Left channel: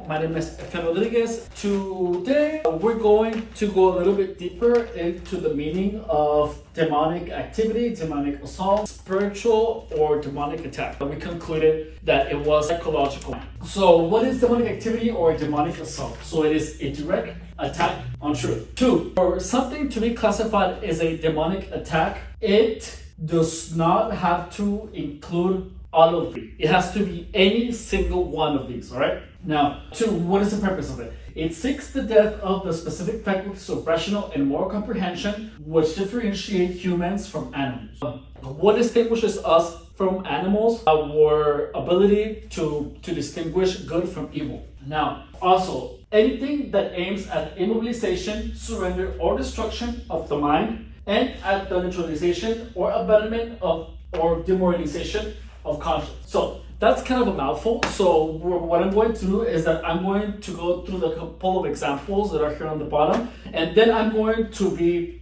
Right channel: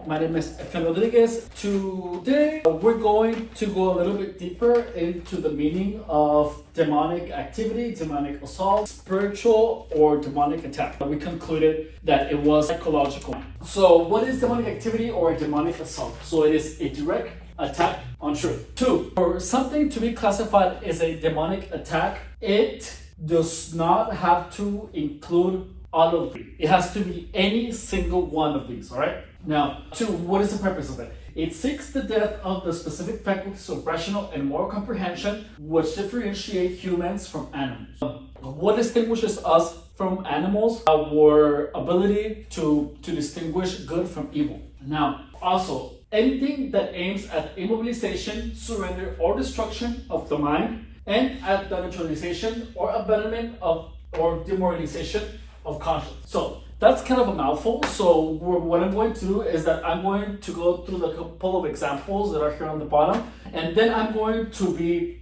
channel. My name is Efrain Rodriguez. Today, we're going to go a little bit deeper into the meaning of demonic activity, demonic assault, spiritual or demonic attack. We concluded that it was psychological. So what is demonic activity or demonic assault? So it is a direct attack on truth. 2, for something to be classified as a demonic attack, it does not have to include all of these. It has to be any single one of these, all right? Now, 2, what is the purpose of it? It seeks the death of the specific faculties of rational and moral comprehension, which differentiate humans from animals. What distinguishes us from animals? Our ability to distinguish good from evil. Now, also, anything that aims at immobilization, surrender, or destruction of the mind, and at the neutralization or abandonment of or demoralization of conscience. So that's kind of a mouthful. So what I'm going to do is that I'm going to go through the couple of examples that are here on the bottom, and then I'm going to be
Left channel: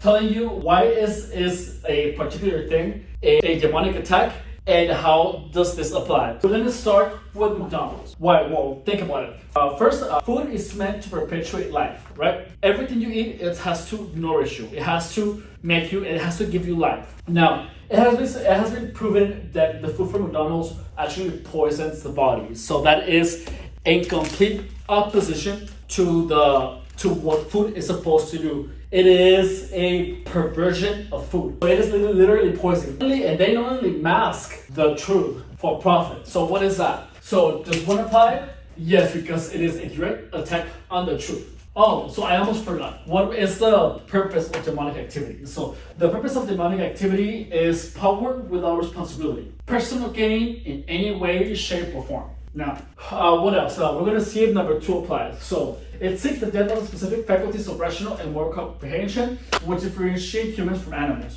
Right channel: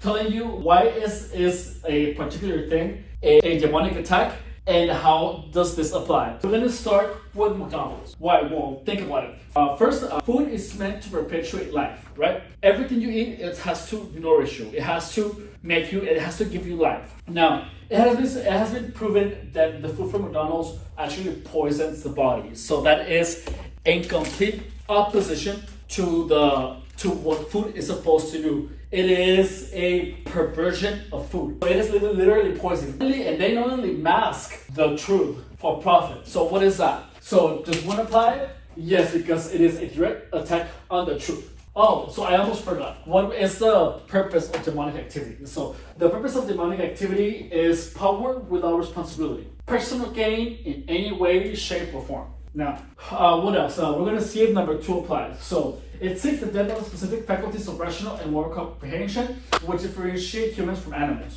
telling you why is a particular thing a demonic attack and how does this apply. We're going to start with McDonald's. Why? Well, think about it. First, food is meant to perpetuate life, right? Everything you eat, it has to nourish you. It has to make you, it has to give you life. Now, it has been proven that the food from McDonald's actually poisons the body. So that is in complete opposition to what food is supposed to do. It is a perversion of food. So it is literally poison. And they not only mask the truth for profit. So what is that? So does one apply? Yes, because it is a direct attack on the truth. Oh, so I almost forgot. What is the purpose of demonic activity? So the purpose of demonic activity is power without responsibility. Personal gain in any way, shape, or form. Now, what else? We're going to see if number 2 applies. So it seeks the death of the specific faculties of rational and moral comprehension, which differentiate humans from animals.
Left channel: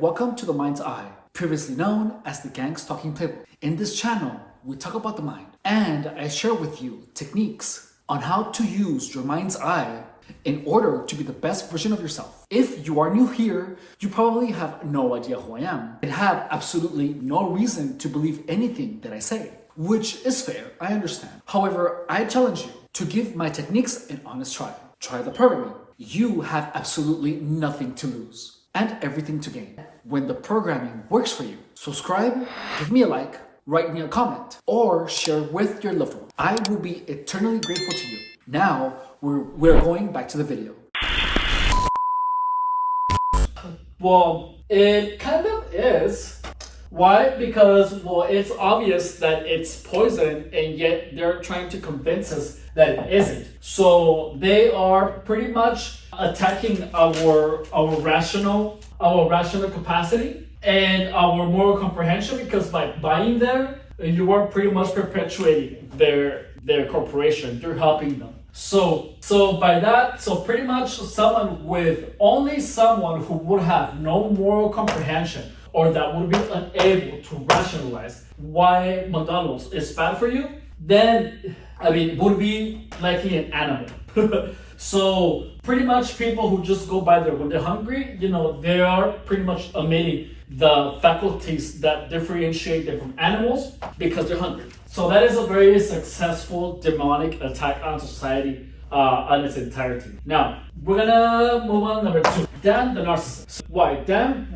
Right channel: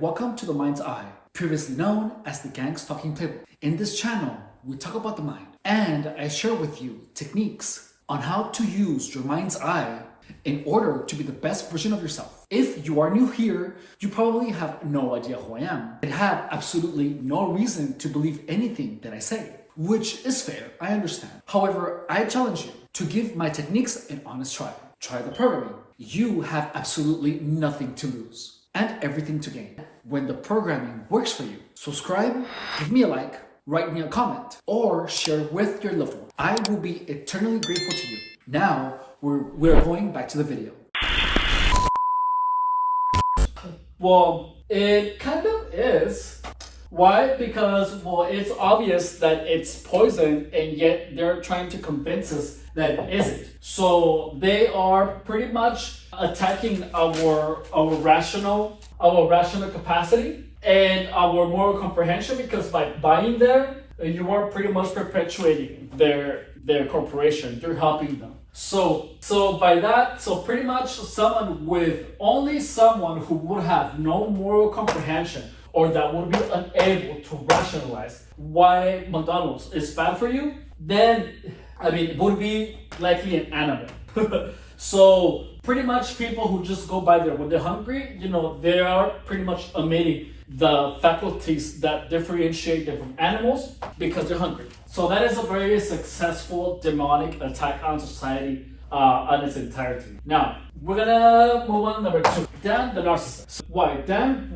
Welcome to The Mind's Eye, previously known as the Gang's Talking Playbook. In this channel, we talk about the mind, and I share with you techniques on how to use your mind's eye in order to be the best version of yourself. If you are new here, you probably have no idea who I am and have absolutely no reason to believe anything that I say, which is fair, I understand. However, I challenge you to give my techniques an honest try. Try the programming. You have absolutely nothing to lose and everything to gain. When the programming works for you, subscribe, give me a like, write me a comment, or share with your loved one. I will be eternally grateful to you. Now, we're going back to the video. Well, it kind of is. Why? Because, well, it's obvious that it's poison, and yet they're trying to convince us that it isn't. So they are pretty much attacking our rational capacity and our moral comprehension, because by buying them, you are pretty much perpetuating their corporation. You're helping them. So by that, so pretty much someone who would have no moral comprehension or that would be unable to rationalize why McDonald's is bad for you, then, I mean, would be liking an animal. So pretty much people who just go by there when they're hungry, they are pretty much omitting the faculties that differentiate them from animals because they're hungry. So that is a very successful demonic attack on society on its entirety. Now, we're gonna move on to number 2. Dan the narcissist. Why? Dan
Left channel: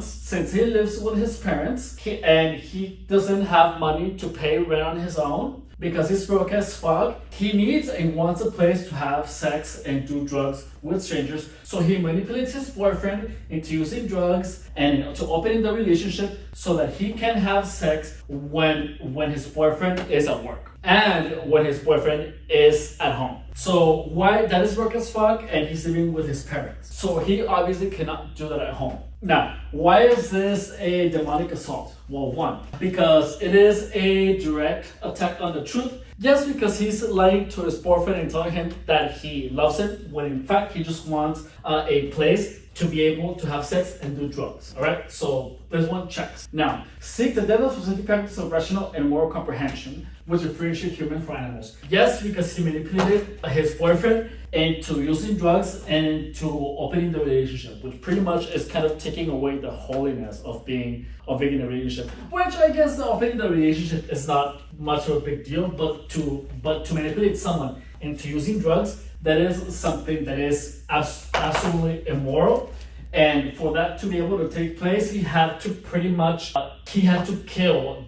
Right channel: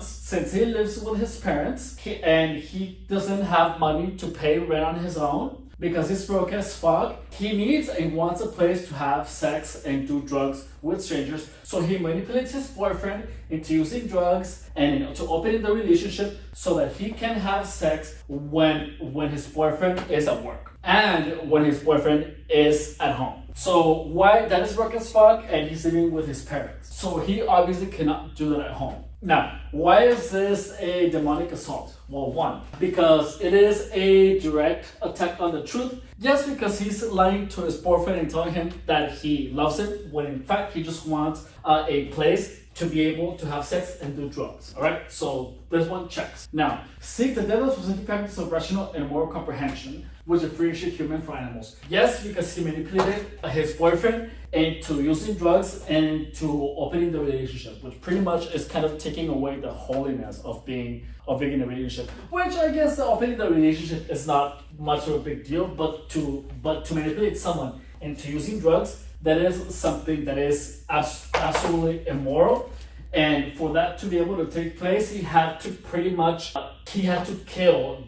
since he lives with his parents and he doesn't have money to pay rent on his own, because he's broke as fuck, he needs and wants a place to have sex and do drugs with strangers. So he manipulates his boyfriend into using drugs and to opening the relationship so that he can have sex when his boyfriend is at work and when his boyfriend is at home. So why? That is broke as fuck, and he's living with his parents. So he obviously cannot do that at home. Now, why is this a demonic assault? Well, 1, because it is a direct attack on the truth. Yes, because he's lying to his boyfriend and telling him that he loves him, when in fact he just wants a place to be able to have sex and do drugs. All right, so this one checks. Now, seek the devil's specific practice of rational and moral comprehension, which differentiate human from animals. Yes, because he manipulated his boyfriend into using drugs and to opening the relationship, which pretty much is kind of taking away the holiness of being in a relationship. Which I guess the opening the relationship is not much of a big deal, but to manipulate someone into using drugs, that is something that is absolutely immoral. And for that to be able to take place, he had to pretty much kill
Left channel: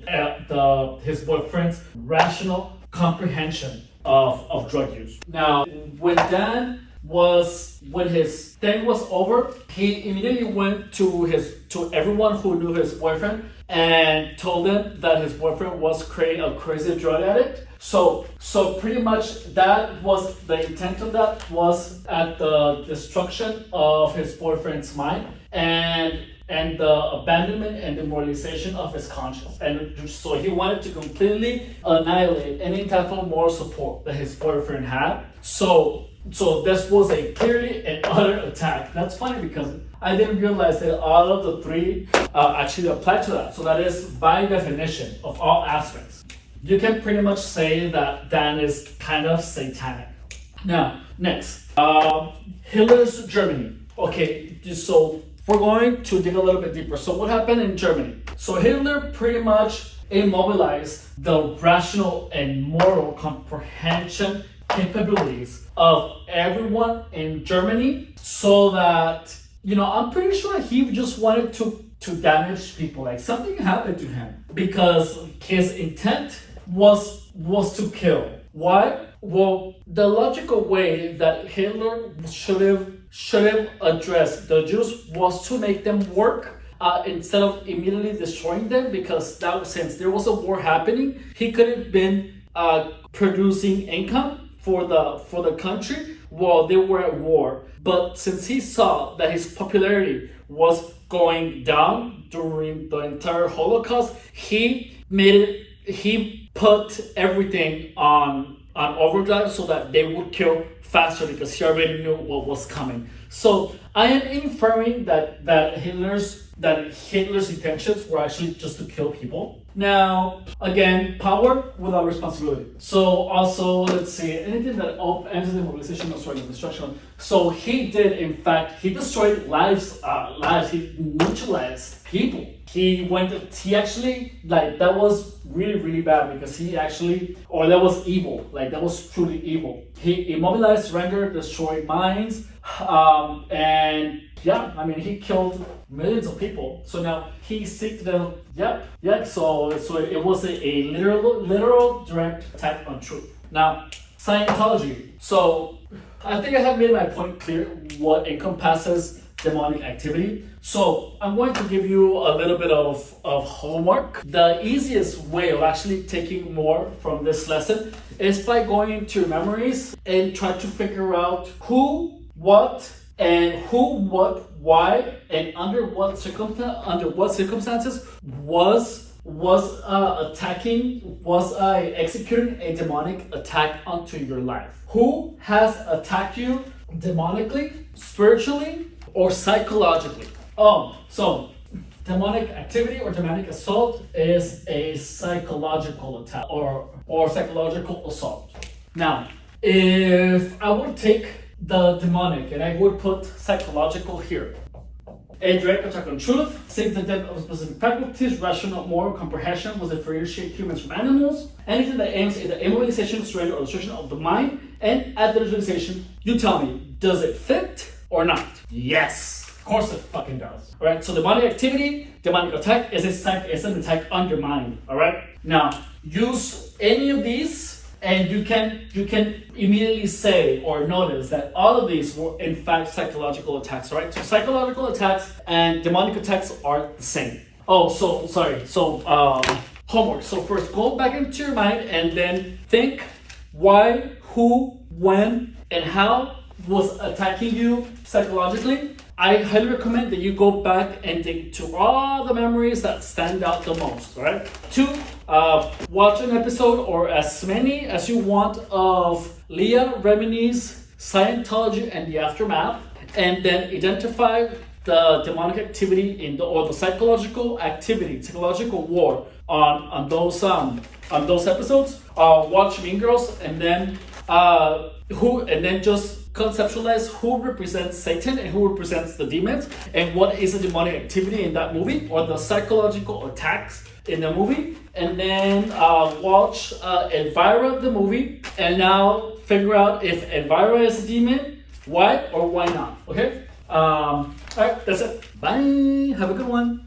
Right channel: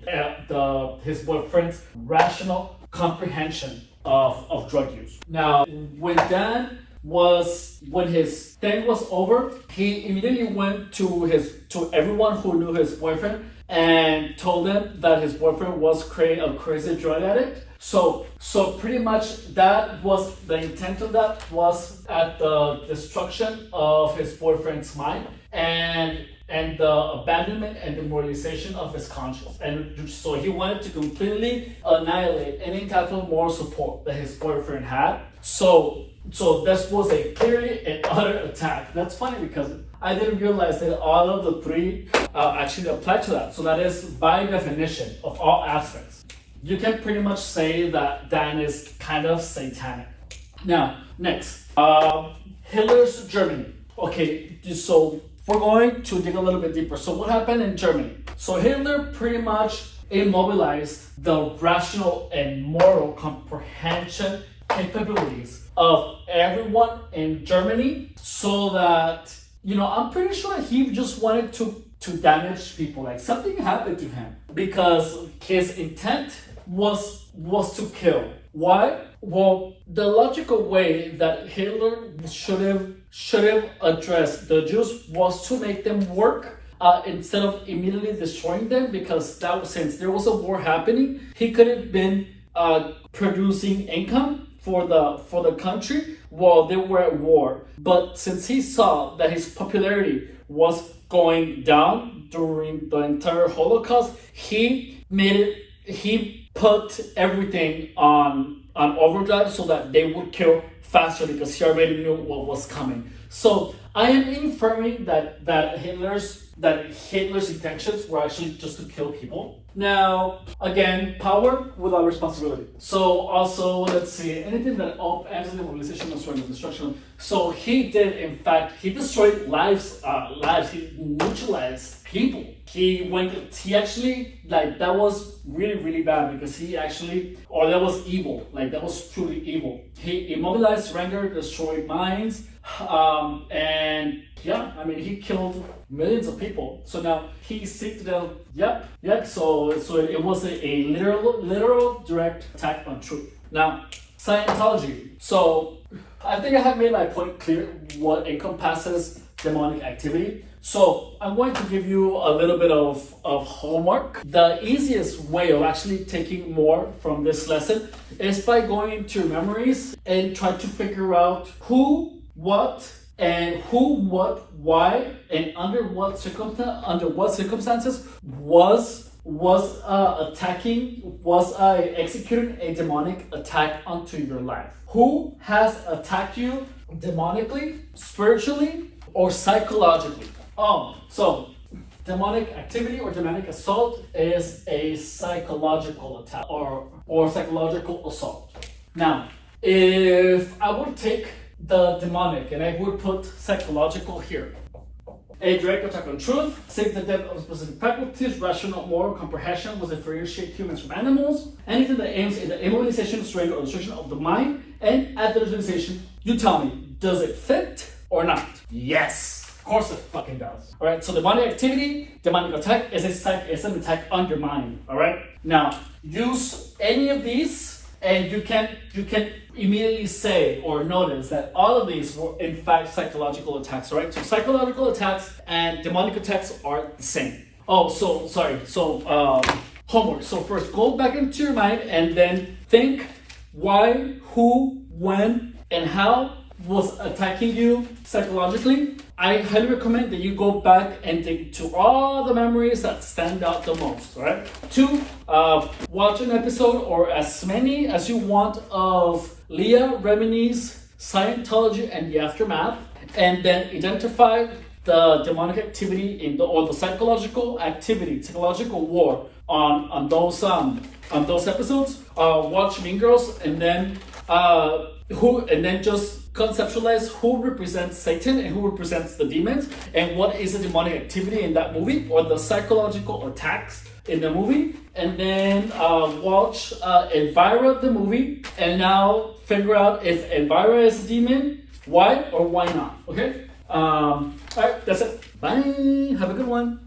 his boyfriend's rational comprehension of drug use. Now, when his thing was over, he immediately went to everyone who knew his boyfriend and told them that his boyfriend was a crazy drug addict. So pretty much that was the intent of that, was at the destruction of his boyfriend's mind and the abandonment and demoralization of his conscience. And so he wanted to completely annihilate any type of moral support that his boyfriend had. So this was a clearly an utter attack. That's funny because I didn't realize that all of the three actually apply to that. So that is by definition of all aspects. You can pretty much say that Dan is kind of satanic. Now, next, Hitler's Germany. Okay, so we're going to dig a little bit deeper. So what happened in Germany? So Hitler pretty much immobilized the rational and moral comprehension capabilities of everyone in Germany, so that, I'm pretty sure he just wanted to damage people. Like something happened to him because his intent was to kill. Why? Well, the logical way that Hitler should have addressed the Jews was to make them work instead of immediately destroying them, because since there was a war happening, he could have been producing income for the country while they were at war. But since he saw that his popularity was going down during the entire Holocaust, he put everything on overdrive so that they would kill faster, because he already knew what was coming. So I am inferring that Hitler's intentions were actually just to kill people. Now, again, power without responsibility. So also, let's see, anything that ends in mobilization, destroying, destruction. So he did, in fact, he destroyed lives, he neutralized people. He actually, that was really, really bad, because that was evil, that was truly evil. He immobilized, surrendered, destroyed minds, and yeah, he killed millions of people. So now he seeked them. So it was a literal direct attack on truth. Now, Scientology. So I think I have made my point clear what encompasses demonic activity. So I'm going to give you a little bit of homework. The easiest way of actually taking more from this lesson is by going into your memories and try to figure out who, what, why, and under what circumstances was executing a demonic attack onto your life. Who has attacked you demonically, spiritually, or psychologically? So demonic activity or demonic assault is a psychological attack or psychological assault. Now, if I would take the demonic and I would put psychological here, a direct attack on truth, seek the death of specific faculties, rational, moral comprehension will differentiate humans from animals, anything that aims at the immobilization, surrender, or destruction of the mind, and at the visualization, you tell me, does it fit or not? Yes. Of course it fucking does. Alright, so demonic activity, demonic attack is an attack on your mind. Alright? Now, use any of these and you can immediately say or notice that all of these were in fact psychological attacks. Alright? So psychological attacks and demonic attacks are the same. Homework. So first go back into your mind and then think why, who, when, and how was attacking you psychologically. I highly recommend that you go back and dig to all the memories that stand out the most, right? 2, watch an episode or as many as you want of Leah Remini's Scientology and the Aftermath. and then identify the demonic activity or the psychological activity, psychological war on those episodes. Watch Mean Girls, and then just conceptualize who represents Satan and who represents the demons, and what is the demonic activity in that movie or the psychological attacks in the movie. And then watch Elvira the movie, and now figure out if Elvira is a demon, why or why not. Okay. All right, that's it. Bye. Have a good one.